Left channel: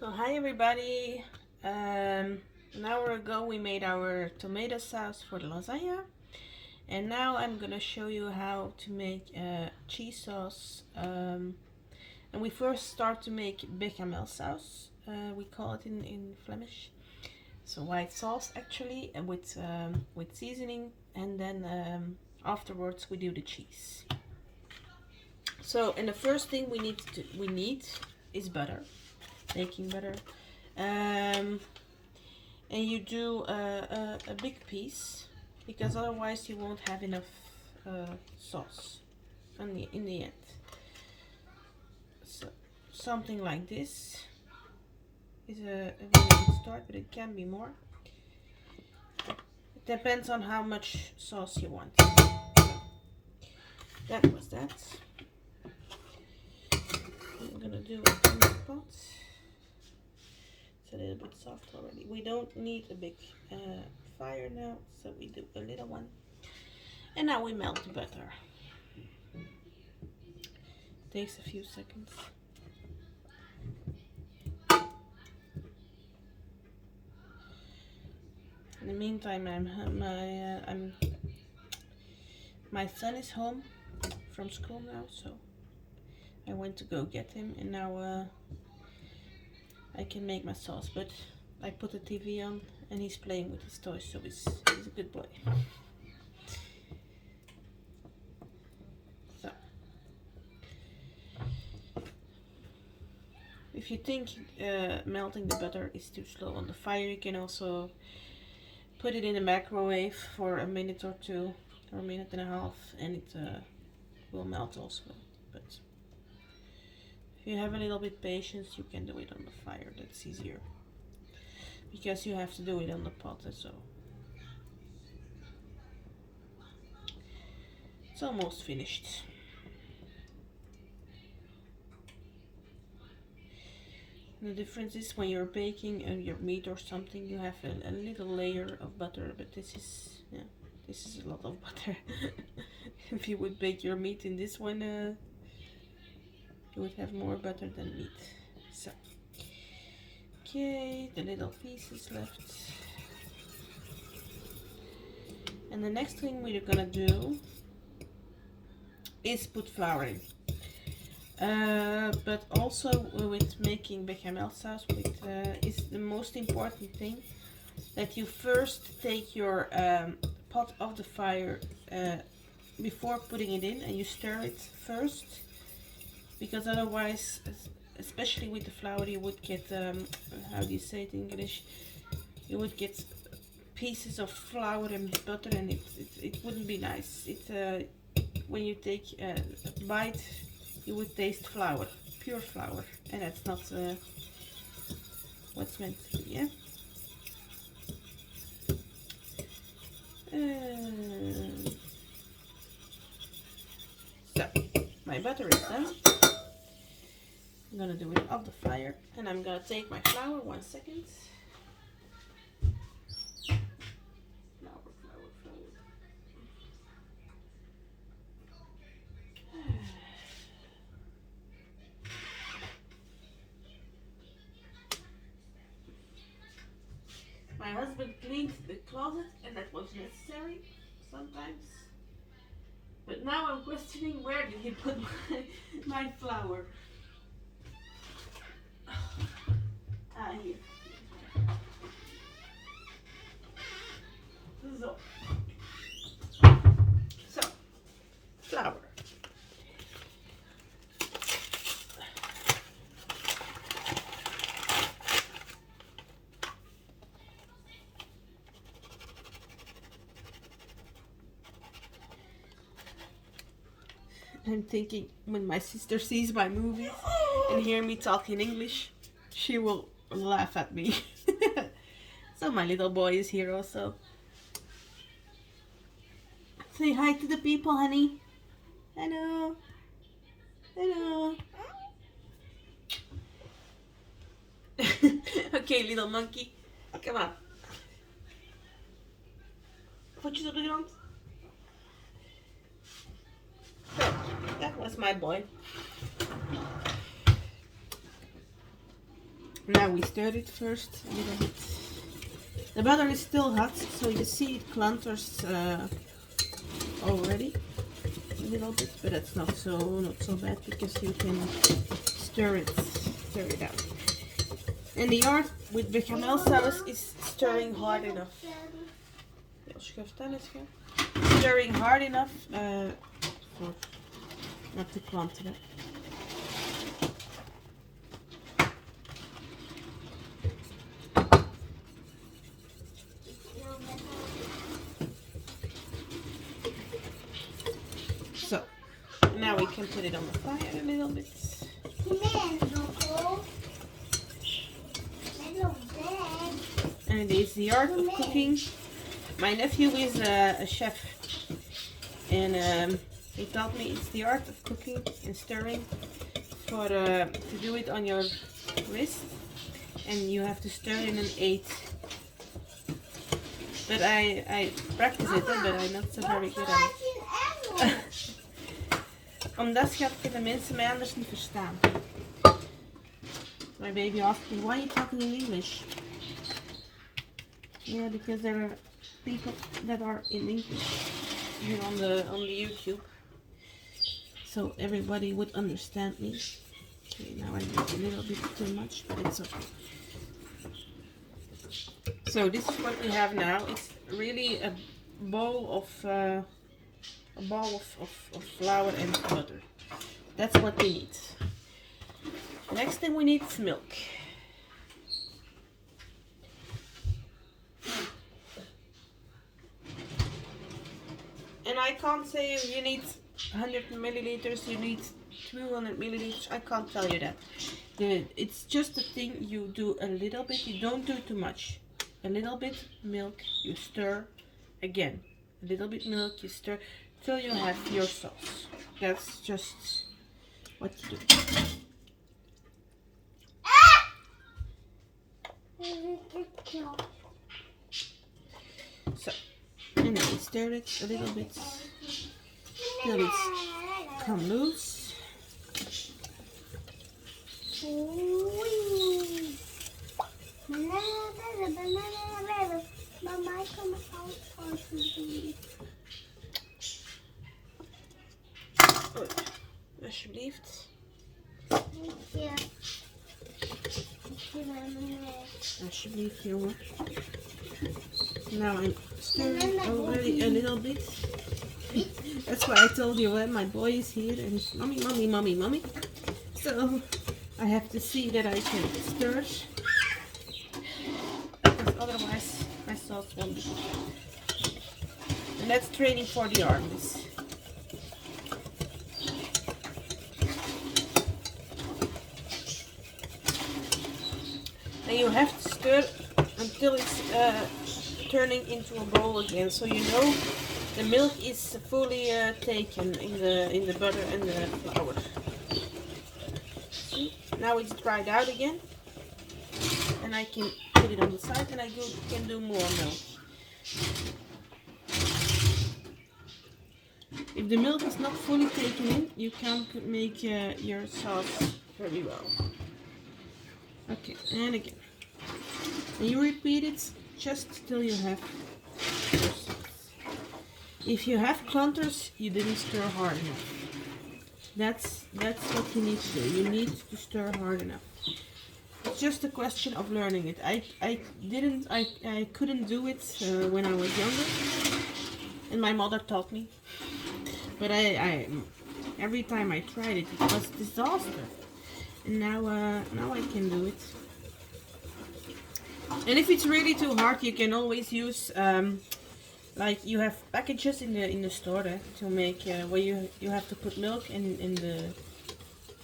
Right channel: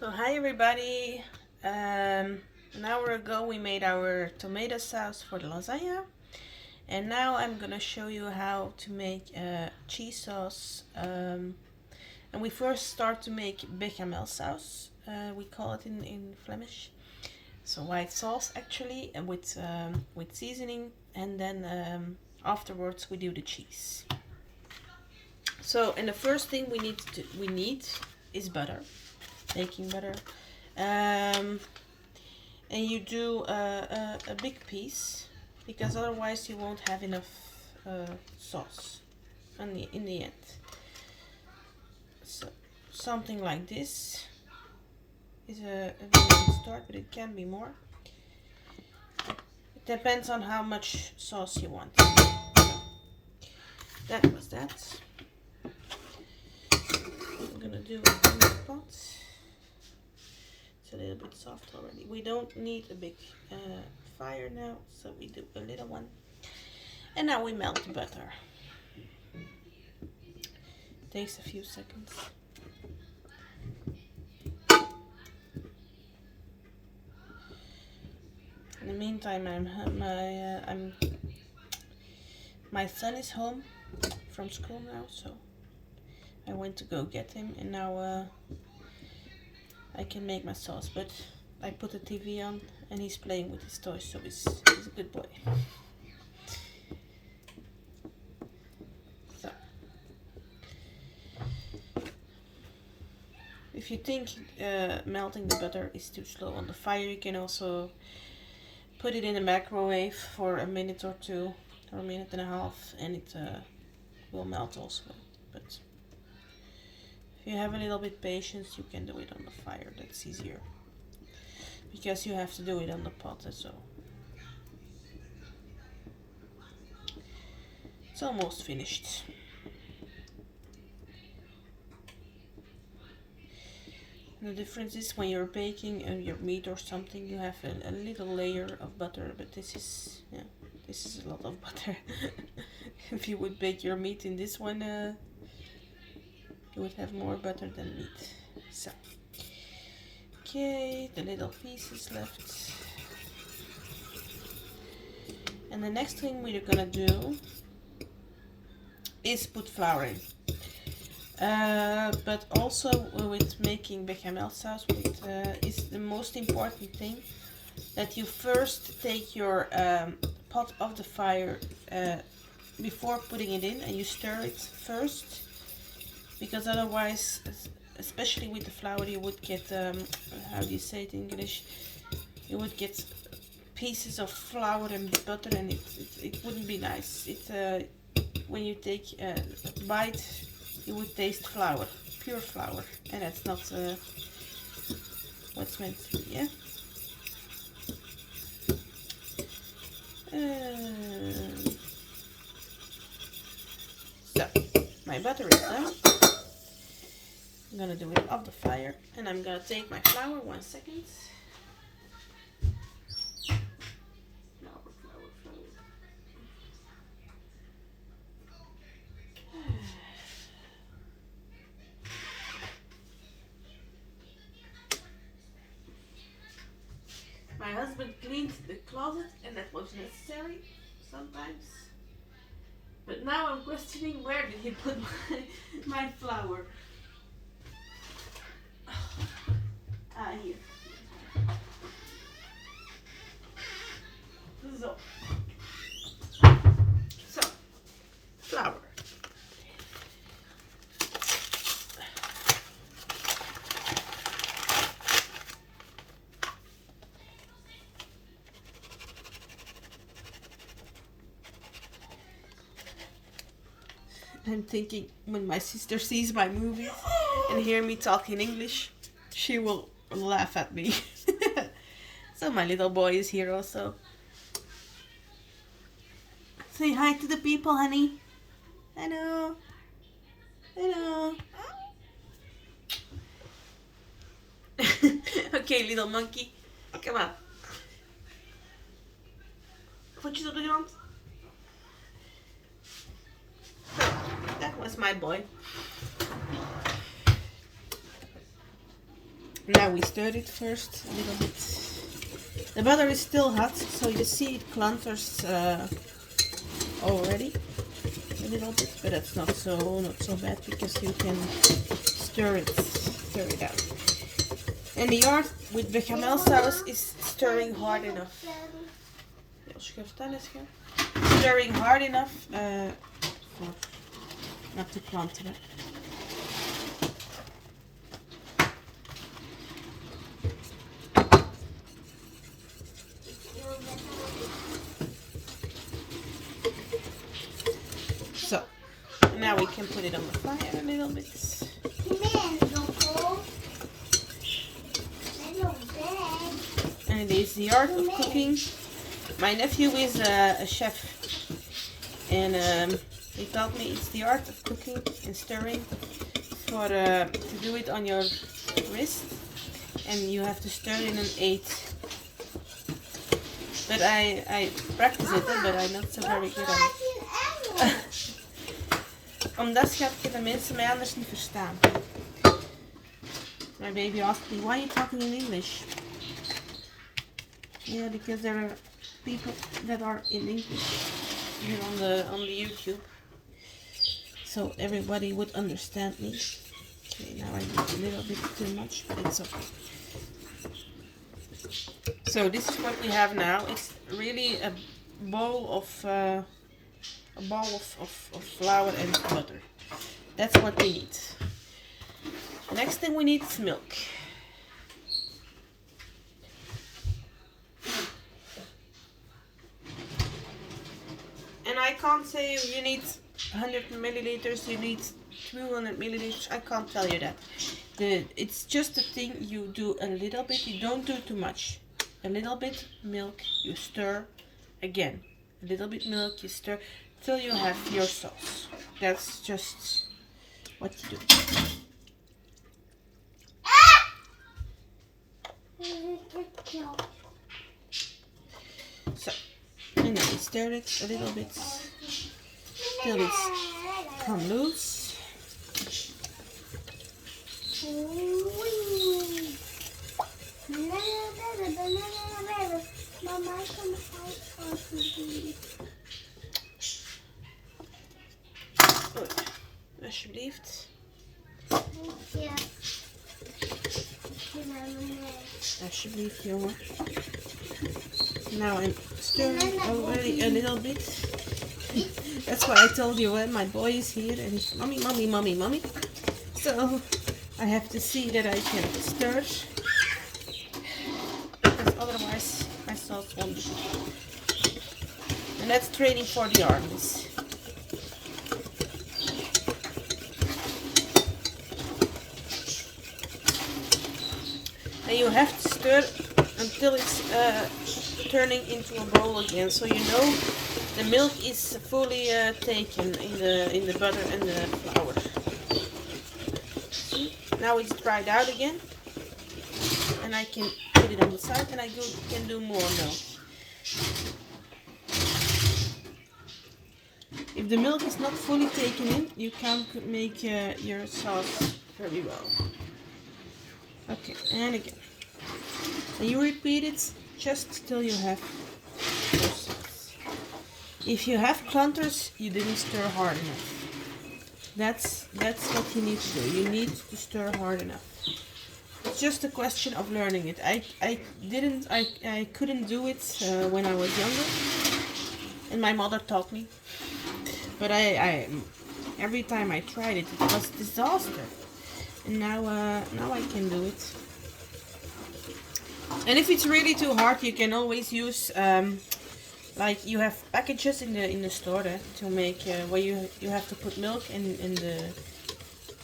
So hi everybody. An hour ago we made our tomato sauce for the lasagna, and now I'm gonna show you how to make cheese sauce. And we first start to make bechamel sauce. We call it in Flemish. So white sauce actually, and with seasoning, and then afterwards we do the cheese. So and the first thing we need is butter, baking butter. Um, and you do a big piece because otherwise you won't have enough sauce in the end. So something like this is a very good start, but it can be more. It depends on how much sauce you want. So that was that. I'm gonna do it in the pot. It's a little bit soft already. We don't need a big fire now, so we do a little one. And now we melt the butter. Takes a few seconds. In the meantime, my son is home from school now, so I went to go get him, and now I can make my sauce. But I put the TV on, and he's playing with his toys, so he's a good boy. So, if you think melting the butter is too slow on the fire, you can also put it in the microwave for a minute or two, or a minute and a half, and it will melt also. But if you have a little bit patience, you can do it on the fire. That's easier because you have to do it on the pot. So it's almost finished. And the difference is when you're baking your meat or something, you have a little layer of butter, but this is a lot of butter. If you would bake your meat in this one, you would have more butter than meat. So, okay, the little pieces left. And the next thing we're gonna do is put flour in. But also with making bechamel sauce, is the most important thing that you first take your pot off the fire before putting it in, and you stir it first, because otherwise, especially with the flour, you would get how do you say it in English? You would get pieces of flour and butter, and it wouldn't be nice. When you take a bite, you would taste flour, pure flour, and that's not what's meant to be. Yeah. So my butter is done. I'm gonna do it off the fire, and I'm gonna take my flour. 1 second. Flour. My husband cleaned the closet, and that was necessary sometimes. But now I'm questioning, where did he put my flour? Here. So, flour. I'm thinking, when my sister sees my movies and hear me talk in English, she will laugh at me. So my little boy is here also. Say hi to the people, honey. Hello. Hello. Okay, little monkey. Come on. Voetjes op de grond. So, that was my boy. Now we stir it first a little bit. The butter is still hot, so you see it clunters already a little bit, but that's not so bad because you can stir it out. And the art with bechamel sauce is stirring hard enough. Stirring hard enough for not to clunter it. So now we can put it on the fire a little bit. And it is the art of cooking. My nephew is a chef, and he taught me it's the art of cooking and stirring to do it on your wrist, and you have to stir in an 8. But I practice it, but I'm not so very good at it. Omdat schat kunnen mensen mij anders niet verstaan. My baby asked me, why are you talking in English? Yeah, because there are people that are in English here on the YouTube, so everybody would understand me. Okay, now I did a little bit too much, but it's okay. So this is what we have now. It's really a bowl of flour and butter. That's what we need. The next thing we need is milk. And I can't say you need 100 milliliters, you need 200 milliliters. I can't tell you that. It's just a thing you do a little bit. You don't do too much. A little bit milk, you stir again. A little bit milk, you stir till you have your sauce. That's just what you do. So, and then we stir it a little bit till it's come loose. Alsjeblieft. Alsjeblieft, jongen. Now I'm stirring already a little bit. That's why I told you when my boy is here and he's mommy, mommy, mommy, mommy. So I have to see that I can stir, because otherwise my sauce won't be. And that's training for the armies. And you have to stir until it's turning into a bowl again, so you know the milk is fully taken in the butter and the flour. See? Now it's dried out again, and I can put it on the side, and I can do more milk. If the milk is not fully taken in, you can't make your sauce very well. Okay, and again. And you repeat it just till you have your sauce. If you have clunters, you didn't stir hard enough. That's what you need to do. You need to stir hard enough. It's just a question of learning it. I couldn't do it when I was younger, and my mother taught me. But I every time I tried it, it was a disaster. And now I can do it. And if it's really too hard, you can always use like you have packages in the store to make where you have to put milk and the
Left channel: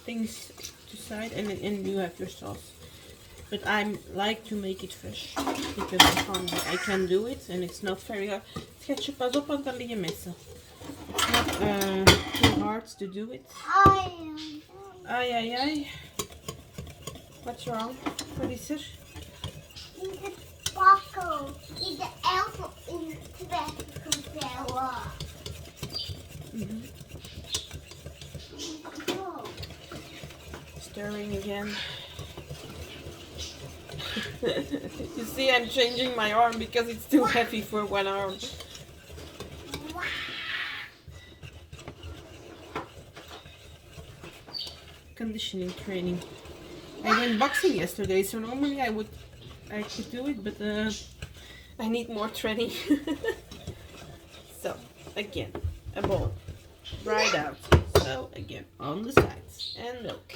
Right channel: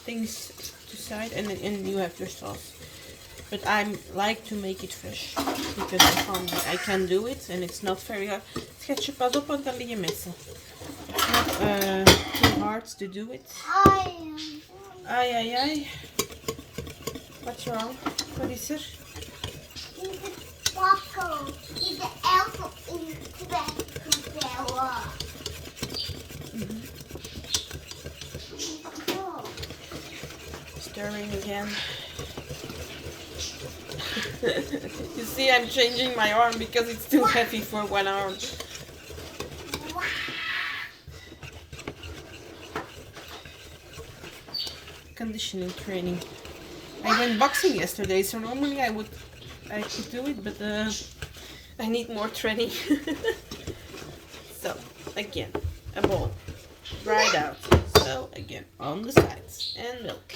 things aside, and you have your sauce. But I like to make it fresh because I can do it, and it's not very hard. Schatje, pas op, want dan lig je messen. It's not too hard to do it. Ai, ai, ai. What's wrong? What is er? In de bakkel, in de elfen in de weggebellen. Stirring again. You see, I'm changing my arm because it's too heavy for one arm. Conditioning training. I went boxing yesterday, so normally I could do it, but I need more training. So again, a bowl, dried out. So again, on the sides and milk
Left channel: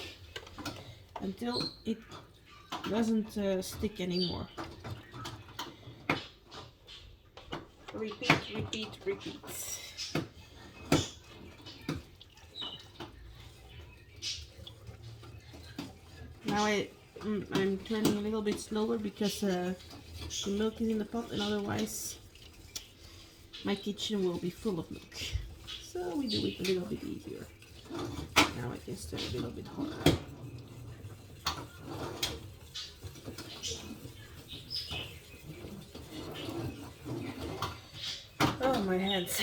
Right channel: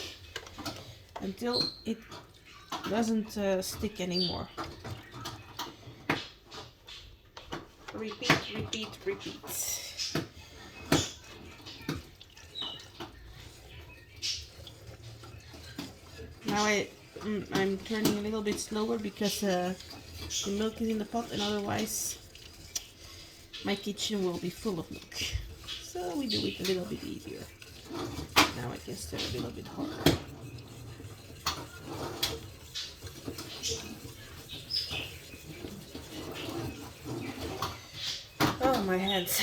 until it doesn't stick anymore. Repeat, repeat, repeat. Now I'm turning a little bit slower because the milk is in the pot, and otherwise my kitchen will be full of milk. So we do it a little bit easier. Now I can stir a little bit harder. Oh, my hands.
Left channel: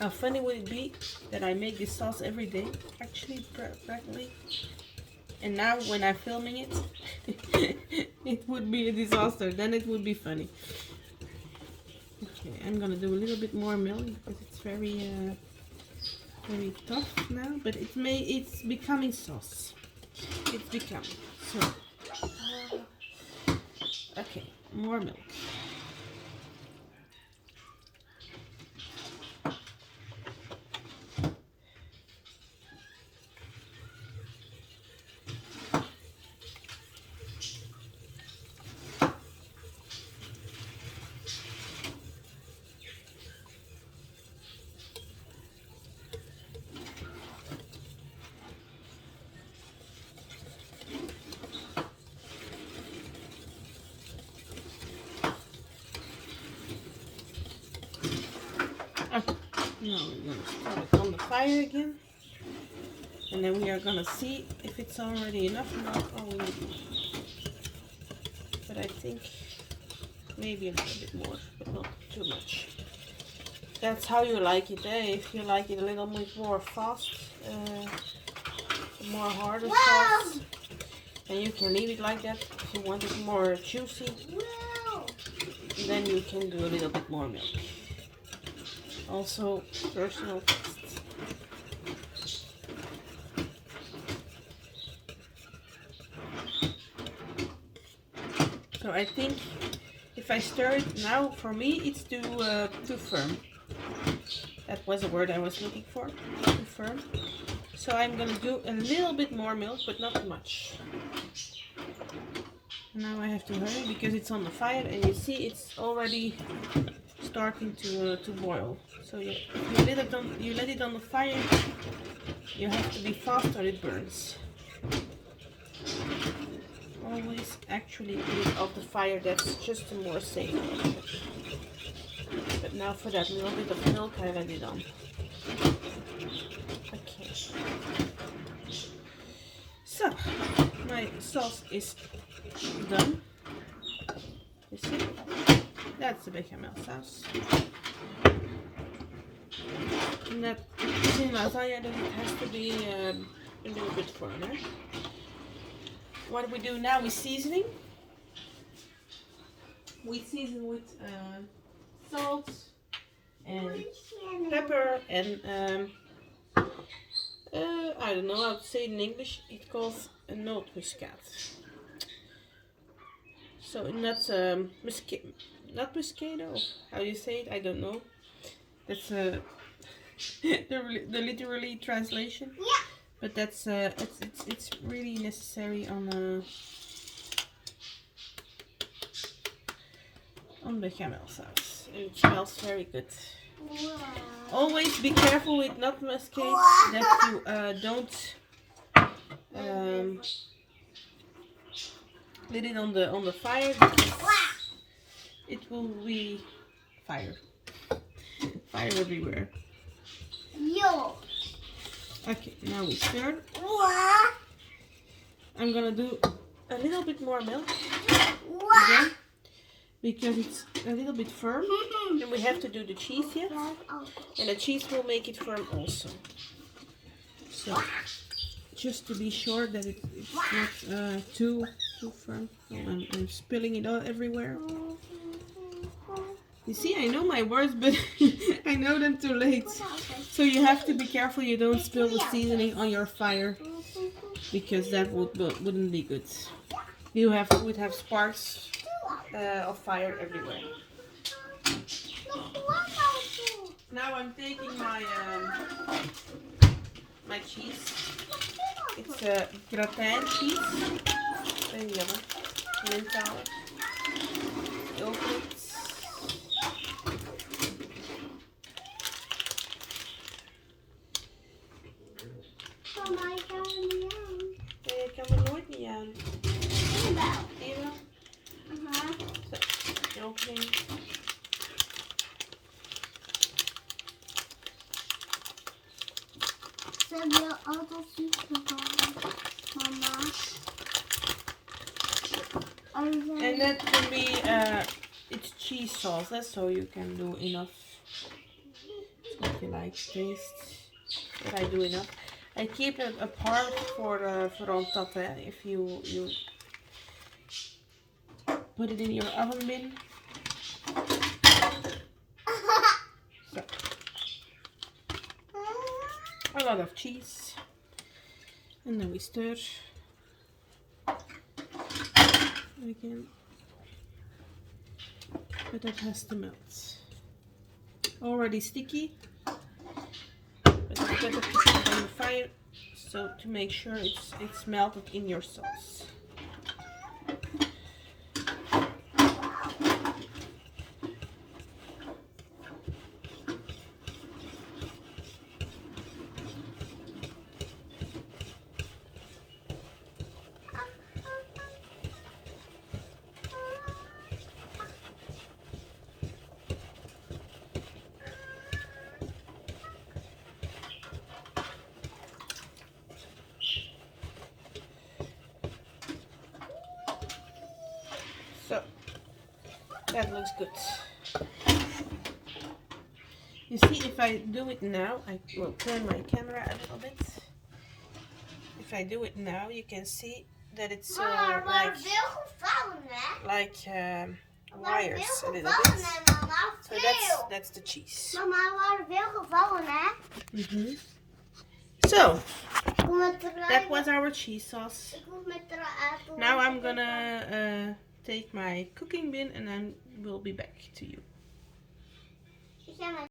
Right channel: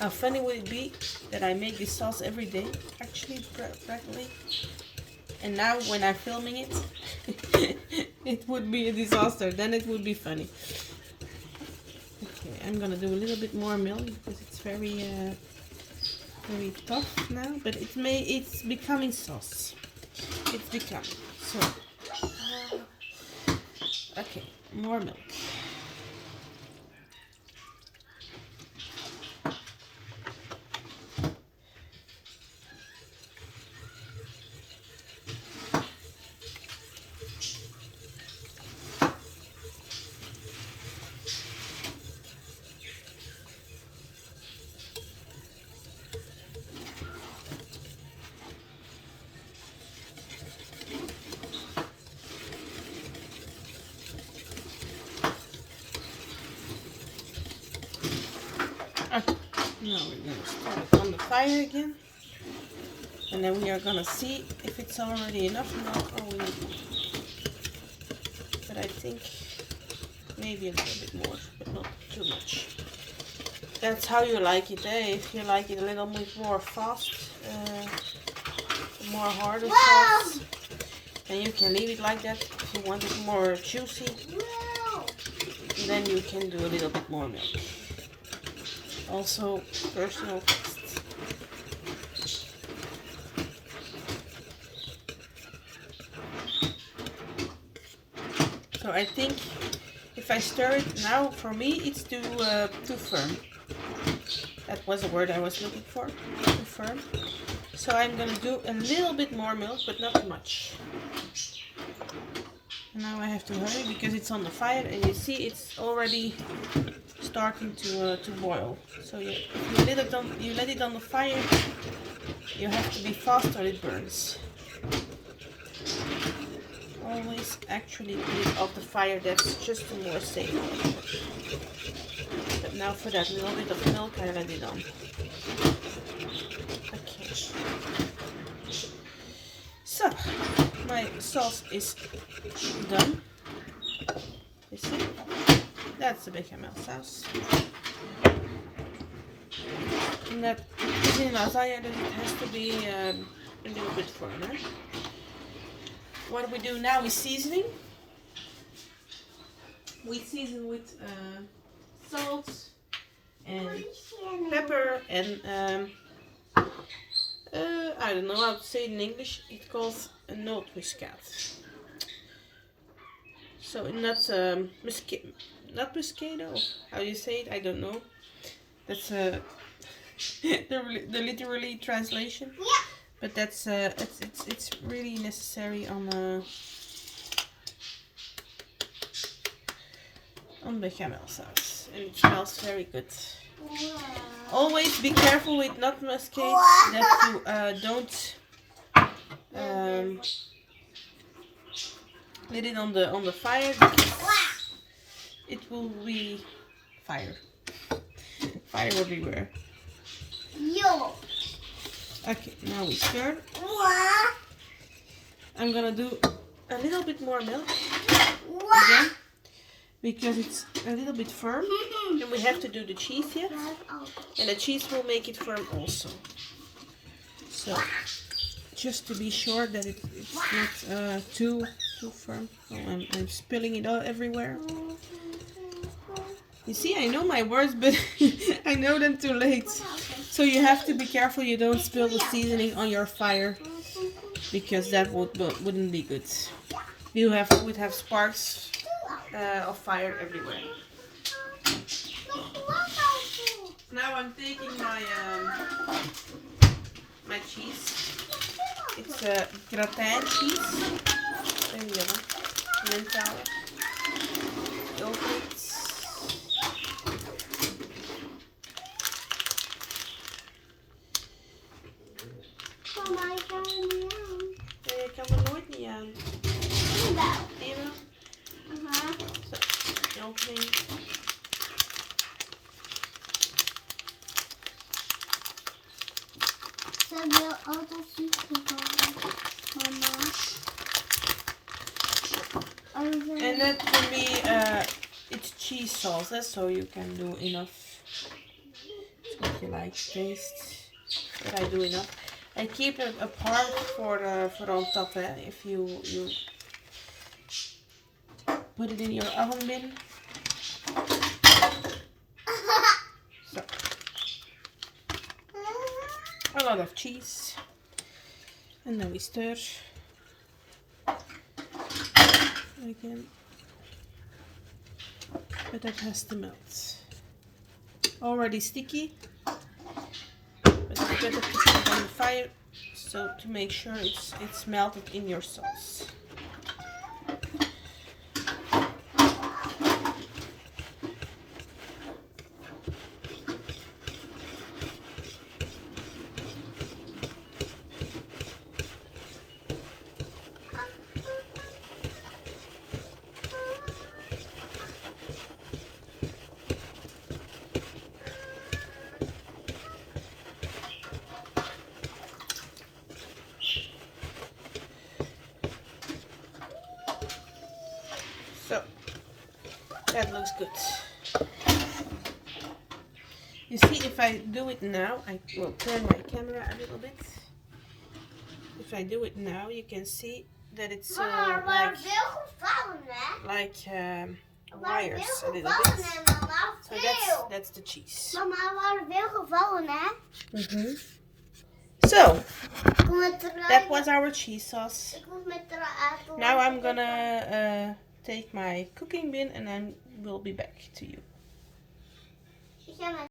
How funny would it be that I make this sauce every day, actually, practically. And now when I'm filming it, it would be a disaster. Then it would be funny. Okay, I'm gonna do a little bit more milk because it's very tough now. But it's becoming sauce. It's becoming. So, okay, more milk. Okay, now we're going to start on the fire again, and then we are going to see if it's already enough milk or we need more. But I think maybe a little bit more, but not too much. That's how you like it, eh? If you like it a little bit more fast, more harder sauce, then you can leave it like that. If you want it more juicy, then you can do a little bit more milk. Also, personal taste. So I think if I stir it now, for me it's too firm. That was the word I was looking for. Too firm. So I'm gonna do a little bit more milk, but not too much. Now I have to hurry because it's on the fire, and you see it's already starting to boil. So if you let it on the fire, you have to be fast or it burns. Always actually put it off the fire. That's just a more safe way. But now for that little bit of milk, I let it on. Okay. So my sauce is done. You see? That's the bechamel sauce. And that is in lasagna, that it has to be a little bit firmer. What we do now is seasoning. We season with salt and pepper and I don't know how to say it in English. It calls a nootmuskaat. So not Moscato. How you say it? I don't know. That's the literally translation. Yeah. But that's it's really necessary on bechamel sauce, and it smells very good. Wow. Always be careful with nut muscade that you don't let it on the fire, because it will be fire everywhere. Yo. Okay, now we stir. What? I'm gonna do a little bit more milk What? again, because it's a little bit firm. And we have to do the cheese yet. And the cheese will make it firm also. So, just to be sure that it's not too firm. Oh, I'm spilling it all everywhere. You see, I know my words, but I know them too late. So you have to be careful you don't spill the seasoning on your fire, because that wouldn't be good. Would have sparks of fire everywhere. Now I'm taking my cheese. It's a gratin cheese. Very yummy. Menthol. Yogurt. Mama, ik kan er niet aan. Nee, ik kan er nooit niet aan. Zie je wel? Zo, opening. Ze hebben heel altijd ziek gevallen, mama. And that can be, it's cheese sauce, so you can do enough. If you like taste, but I do enough. I keep it apart for on top. If you put it in your oven bin. So a lot of cheese, and then we stir again. But that has to melt. Already sticky. But it's better to put it on the fire so to make sure it's melted in your sauce. So that looks good. You see, if I do it now, I will turn my camera a little bit. If I do it now, you can see that it's like wires a little bit. So that's the cheese. Mama, er waren veel gevallen, hè? So that was our cheese sauce. Ik moet met de Now I'm gonna take my cooking bin and then we'll be back to you.